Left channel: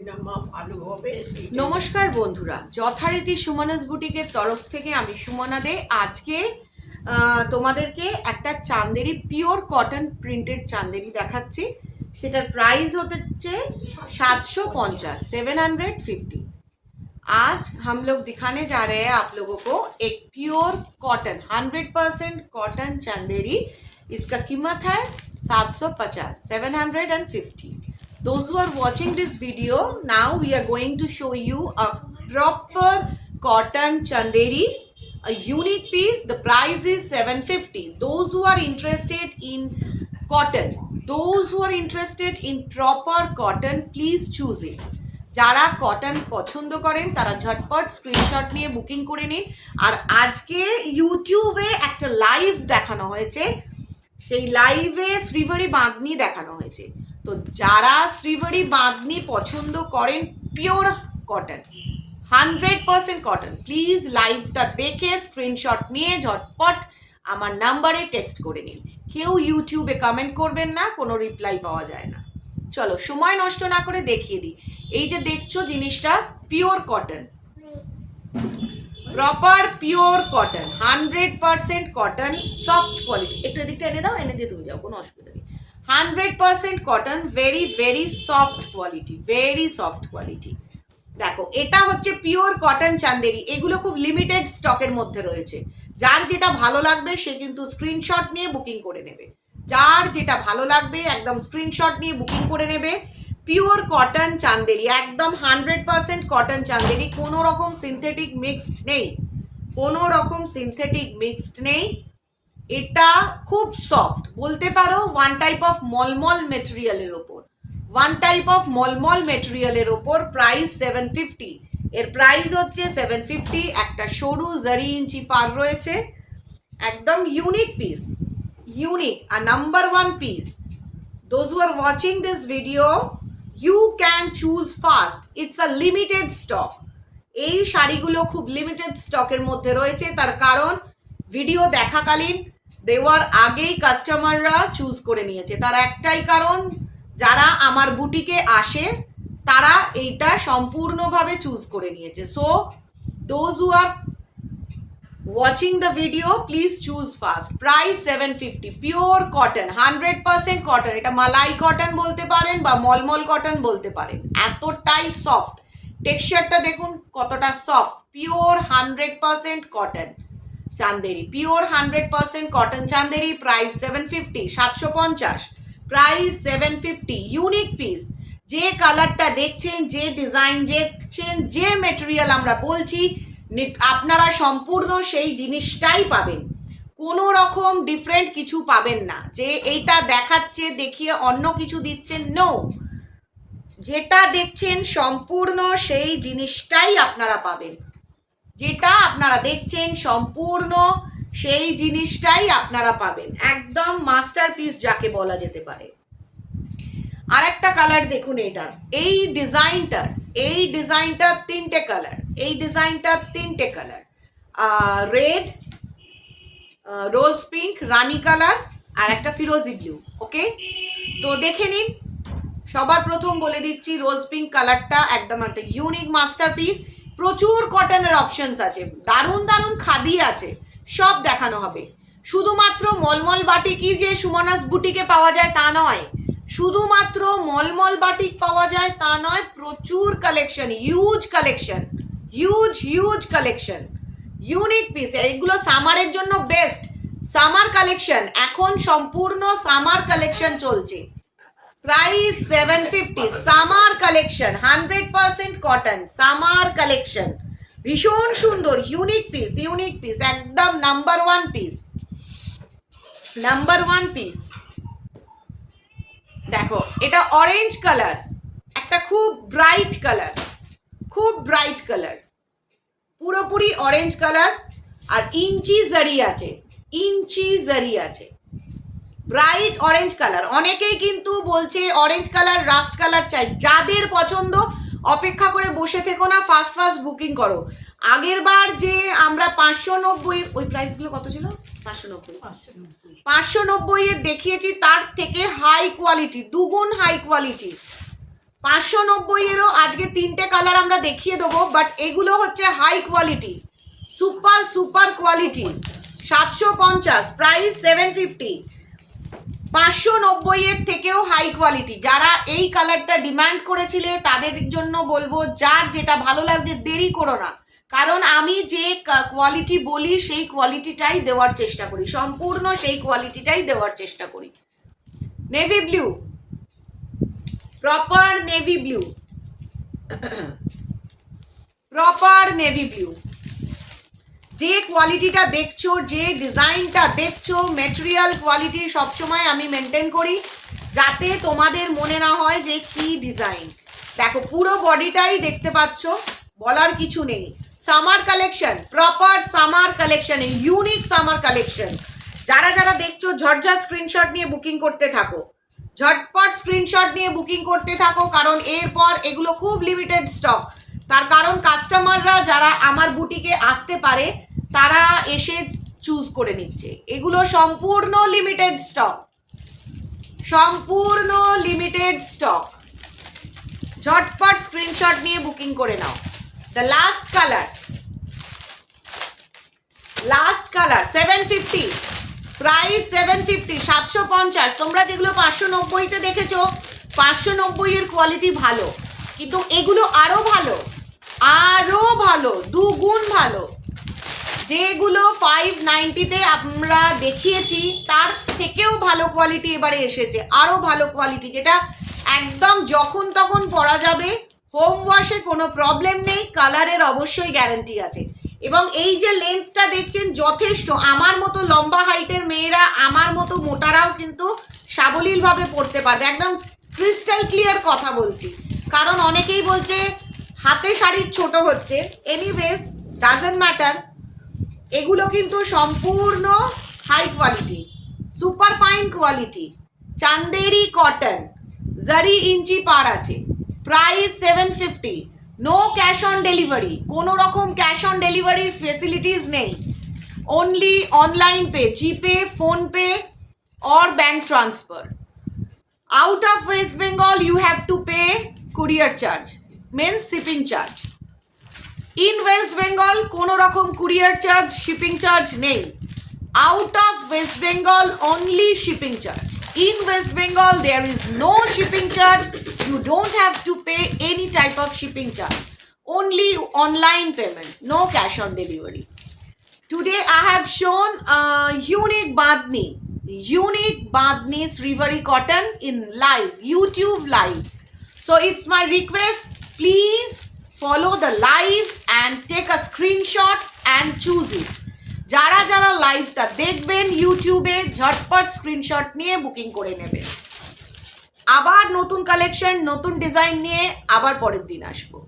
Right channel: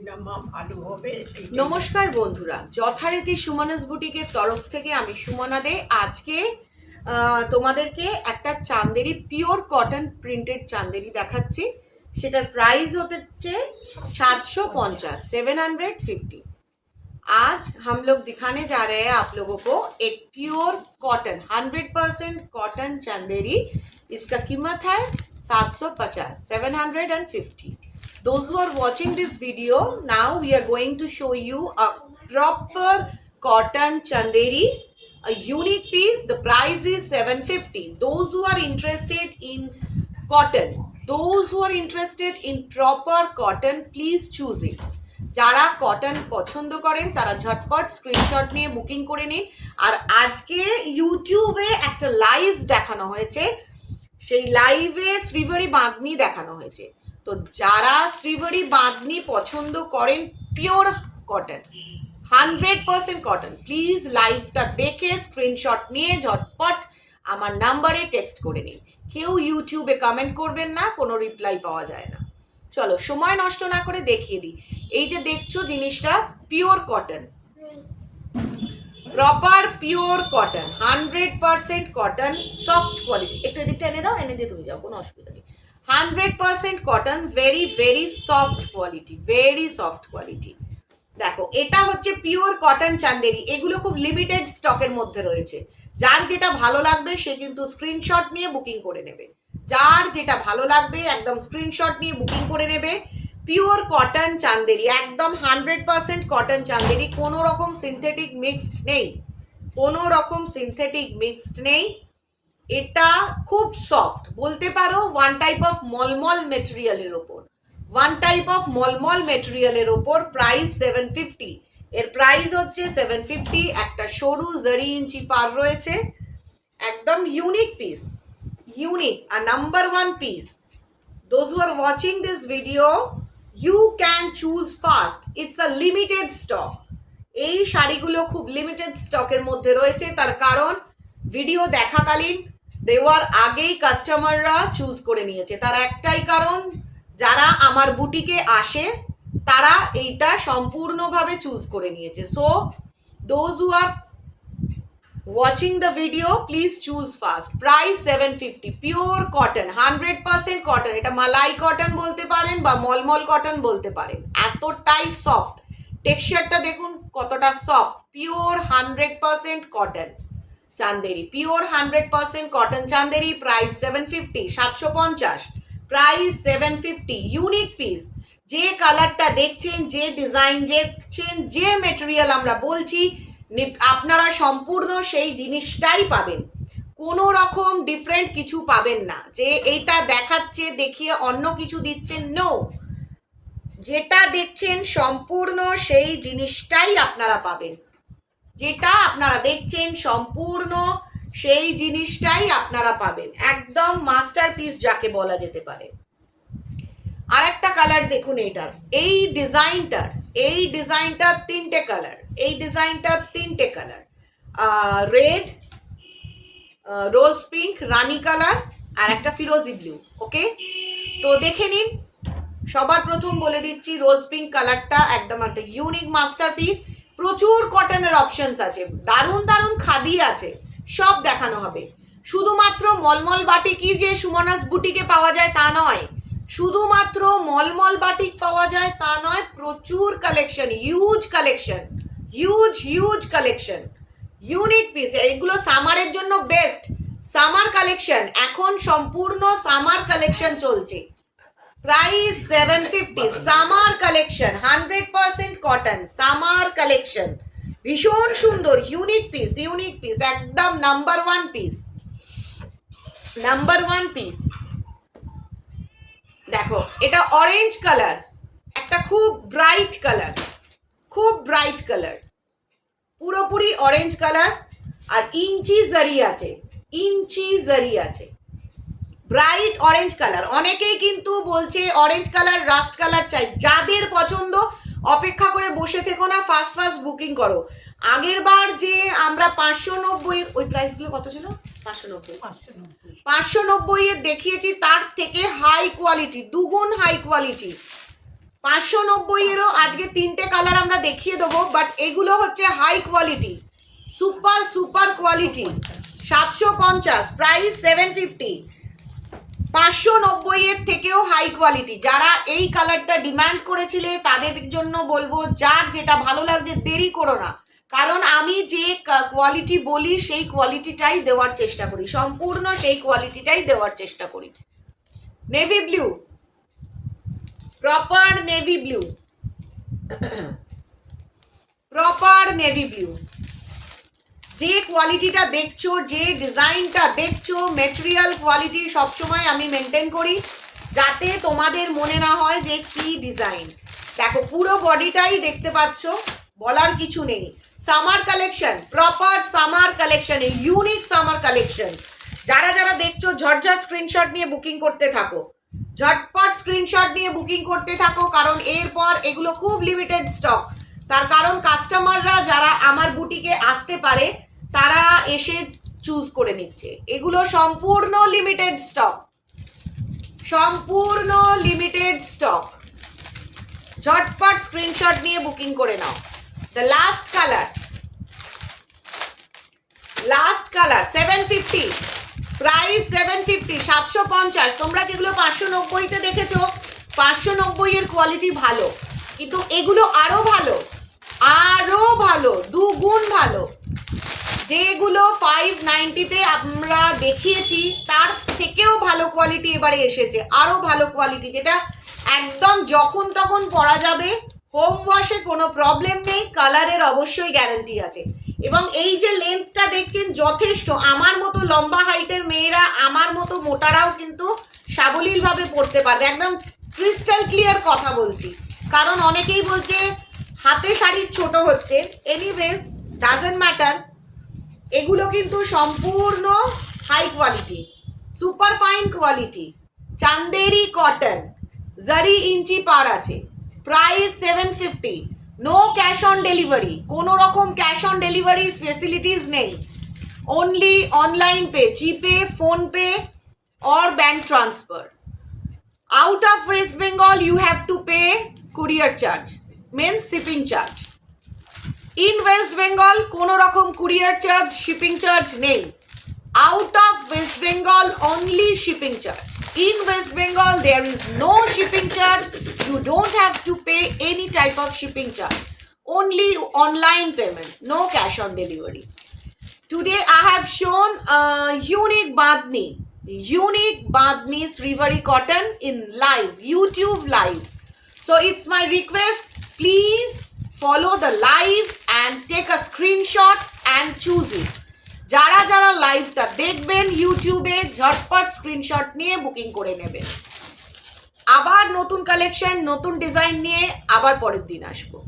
ভালো হবে। নমস্কার বন্ধুরা, যথারীতি সুমনাস বুটিকের তরফ থেকে আমি সুমনা দে। আজকে তোমাদেরকে একটা Chanderi pure cotton printed Chanderi দেখাচ্ছি। সেটার প্রাইস হচ্ছে 750, 750। आज हम लोग दिखाने जा रहे हैं आप लोगों को एक प्योर कॉटन 100% कॉटन चंदेरी। इसका कीमत है 750, 750। Those who are watching this video, now we are going to show you a proper cotton chanderi, a unique piece. The price is 750. Those who are interested in cotton, those who are interested in proper cotton, please choose it. যারা cotton পছন্দ করেন তারা ঝটপট screenshot নিয়ে booking করে নিন। আর আজকে ইউটিউবে একটা লাইভ দেখানো হয়েছে, সেই লাইভে শ্রীবাড়ি বাঁধনি দেখানো হয়েছে। তো যারা শ্রীবাড়ি বাঁধনি পছন্দ করেন পিওর কটন 100% কটন, প্লিজ লাইভটা দেখে স্ক্রিনশট নিয়ে ঝটপট আমার নাম্বারে টেক্সট করে নিন। কেউ ইউটিউবে কমেন্ট করবেন না, কোনো রিপ্লাই পাওয়া যায় না। চলো সময় নষ্ট না করে দেখিয়ে দিই। এই যে দেখছো জিনিসটা pure cotton, proper pure cotton, 100% cotton, soft quality. একটু এদিকটা এনে দাও, এনে দিয়ে তুমি যাও, কোনো অসুবিধা নেই। 100% cotton, very very soft quality, very soft quality. দেখো এটা হচ্ছে পিওর কটন চান্দেরি। এগুলো খুব লিমিটেড স্টকের মধ্যে রয়েছে। যার যেটা ভালো লাগবে সে কিন্তু স্ক্রিনশট নিয়ে বুকিং করে নেবে। যার যেটা ভালো লাগবে একদম স্ক্রিনশট নিয়ে বুকিং করে নেবে। পিওর কটন চান্দেরি, একদম 100% কটন চান্দেরি, কোনো রকম সিনথেটিক মিক্সড নেই, কোনো রকম সিনথেটিক মিক্সড নেই। এটা খুব সফট, বলতে পারো ওয়ান টাইপ অফ মলমল মেটেরিয়ালের ওপর, ওয়ান টাইপ অফ মলমল মেটেরিয়ালের ওপর। প্রাইস 750। এর প্রাইস হচ্ছে 750। একটা সরু জারি ইঞ্চি পার রয়েছে, একদম ইউনিক পিস, ইউনিক আর number one piece. Those who are watching this video, you can choose fast, it's a limited stock. এই শাড়িগুলো খুব লিমিটেড স্টকের মধ্যে রয়েছে, তার কারণ ভিডিও দেখাকালীন দেওয়ার আগেই কাস্টমাররা চুজ করে নিয়েছে। তার একটাই কারণ, যারা আমার বুটিকে আসে তারা এইটা সম্পূর্ণভাবে চুজ করে নিয়েছে। So those who are watching the video please choose fast. Price 750, pure cotton, 100% cotton. এটা মালাই কটন বলতে পারেন বা মলমল কটন বলতে পারেন, এতটাই সফট। টেক্সচারটা দেখুন কতটা soft. Pure 100% cotton Chanderi, pure 100% cotton Chanderi. Price 750, 750। Price 750, unique piece. যে কালারটা দেখছেন, যে ডিজাইন দেখছেন, যে মেটেরিয়াল আমরা বলছি, আপনারা সম্পূর্ণ সেই জিনিসটাই পাবেন, কোনো রকম ডিফারেন্ট কিছু পাবেন না। যে এইটা দেখাচ্ছে দেখিয়ে অন্য কিছু দিচ্ছেন, নো, যেটা দেখছেন সম্পূর্ণ সেই জিনিসটাই আপনারা পাবেন। যেটা আপনারা দেখছেন সম্পূর্ণ সেই জিনিসটাই আপনারা পাবেন, একদম মাস্টারপিস যাকে বলা যেতে পারে। আর একটা কালার দেখুন এটার, এই ডিজাইনটার তিনটে কালার, এই ডিজাইনটার তিনটে কালার, রেড, রোজ পিঙ্ক, রানি কালার আর একটা ফিরোজি ব্লু। ওকে, তো দেখে নিন। সবার প্রথম বলে দিচ্ছি, রোজ পিঙ্ক কালারটা একদম একটা ইউনিক মাস্টারপিস। প্রচুর কটনের অপশনস আছে, দারুণ দারুণ খাদি আছে, সব দেখানো হবে। শুধুমাত্র মলমল বাটিকই যে সুমনাস বুটিকে পাওয়া যায় তা নয়, শুধুমাত্র মলমল বাটিক পাওয়া যায় তা নয়, প্রচুর collection, huge collection, huge huge collection, unique piece. এগুলো সামারের জন্য বেস্ট, সামার কালেকশন, এখন সম্পূর্ণ সামার কালেকশন চলছে। Price 750, summer collection, 100% cotton summer collection, ভীষণ সুন্দর, ইউনিক পিস, ইউনিক পিস, একদম number one piece, number one piece. দেখো এটা অরেঞ্জ কালার, একটা খুব ব্রাইট কালার, খুব ব্রাইট কালার, পুরোপুরি অরেঞ্জ কালার। আর ইঞ্চি জারি আছে, ইঞ্চি জারি আছে, ব্রাইট অরেঞ্জ কালার। অনেকেই কিন্তু বলছে অরেঞ্জ কালার, রাস্ট কালার চাই। যাদের পছন্দ অপেক্ষা করে বসে থেকো না, ফাস্ট ফাস্ট বুকিং করো। আগের বার যে আমরা 590, ওই প্রাইসগুলো কত ছিল, 590 এর দেখিয়েছি, তার থেকে হাই কোয়ালিটি, দুগুণ হাই কোয়ালিটি। 590-এরও আজকে 3টে কালার আমরা দেখিয়ে দেবো, বাট এগুলো হচ্ছে high quality, super super quality. 750, price 750। 590-এর থেকেও হাই কোয়ালিটি। যারা এই কালারটা ডিমান্ড করেছিলে তাদের জন্য বলবো, যার যেটা ভালো লাগছে দেরি করো না, কারণ আমি যে কোয়ালিটি বলি সেই কোয়ালিটিটাই দেওয়ার চেষ্টা করি, সম্পূর্ণ সেই কোয়ালিটিটাই দেওয়ার চেষ্টা করি। Navy blue, proper navy blue, proper navy blue. যে কোয়ালিটিটা দেখছো, যে ডিজাইনটা দেখছো, মেটেরিয়াল কোয়ালিটি সবসময় আমি মেনটেন করি, যাতে তোমাদের মনে না হয় যে কি ডিজাইন। দেখো পুরো বডিটাই দেখতে পাচ্ছ, বলার কিছু নেই। Summer collection, proper summer collection, unique summer collection. যারা যারা দেখছো ঝটঝট স্ক্রিনশট নিয়ে বুকিং করতে থাকো, ঝটপট স্ক্রিনশট নিয়ে বুকিং করতে থাকো, কারণ এরপর এগুলো খুব লিমিটেড স্টক। তার কারণ কাস্টমাররা যারা আমার বুটিকে আসতে পারে তারা এসে চুজ করে নিচ্ছে। এগুলো সম্পূর্ণ লিমিটেড স্টক, সম্পূর্ণ লিমিটেড স্টক। ঝটপট স্ক্রিনশট নিয়ে বুকিং করে নাও। The last colour, last colour 750, price 750, 750। তোমরা যেগুলো 590-তে দেখেছো, 590-এর কোয়ালিটি ভালো, কিন্তু এগুলো আরো ভালো, আরো ভালো, দুগুণ ভালো। যেগুলো 590-তে আমরা দেখিয়েছি তার থেকেও ভালো কোয়ালিটি এবারে এসেছে, আরো ভালো কোয়ালিটি, যেটা একদম যখন তখন পরা যাবে, হোম ওয়াশে কোনো প্রবলেম নেই, কালারের অবশ্যই গ্যারান্টি আছে। এবং এই যে লেন্থটা দেখছেন যথেষ্ট, আমার মতো লম্বা হাইটের মেয়েরা, আমার মতো মোটারাও কিন্তু সাবলীলভাবে পরতে পারবে। একদম ক্রিস্টাল ক্লিয়ার কথা বলছি, কারণ অনেকেই বলছে হাতে শাড়ির ছোট হচ্ছে। এনিওয়েজ ডাজন্ট ম্যাটার, এগুলো কিন্তু সম্পূর্ণ high quality, super fine quality, Chanderi cotton, zari inch পার আছে। Price 750, no cash on delivery, কোনো রকম ক্যাশ অন ডেলিভারির ফেসিলিটিস নেই, only online pay, GPay, PhonePe or bank transfer. Out of West Bengal you have to pay courier charge, means shipping charge. In West Bengal কোনো রকম courier charge, shipping charge নেই। Out of West Bengal only shipping charge. In West Bengal there is no shipping charge, you don't have to pay any type of shipping charge, only online payment, no cash on delivery. Today I have shown unique Bandhni Srivari cotton in live, YouTube live. So it's my request, please follow the live and take a screenshot and choose it. যারা যারা লাইভটা দেখবেন ইউটিউবে, ঝটপট screenshot নিয়ে booking করে নেবেন। আবার নতুন কালেকশন, নতুন ডিজাইন নিয়ে আবার পরের দিন আসবো।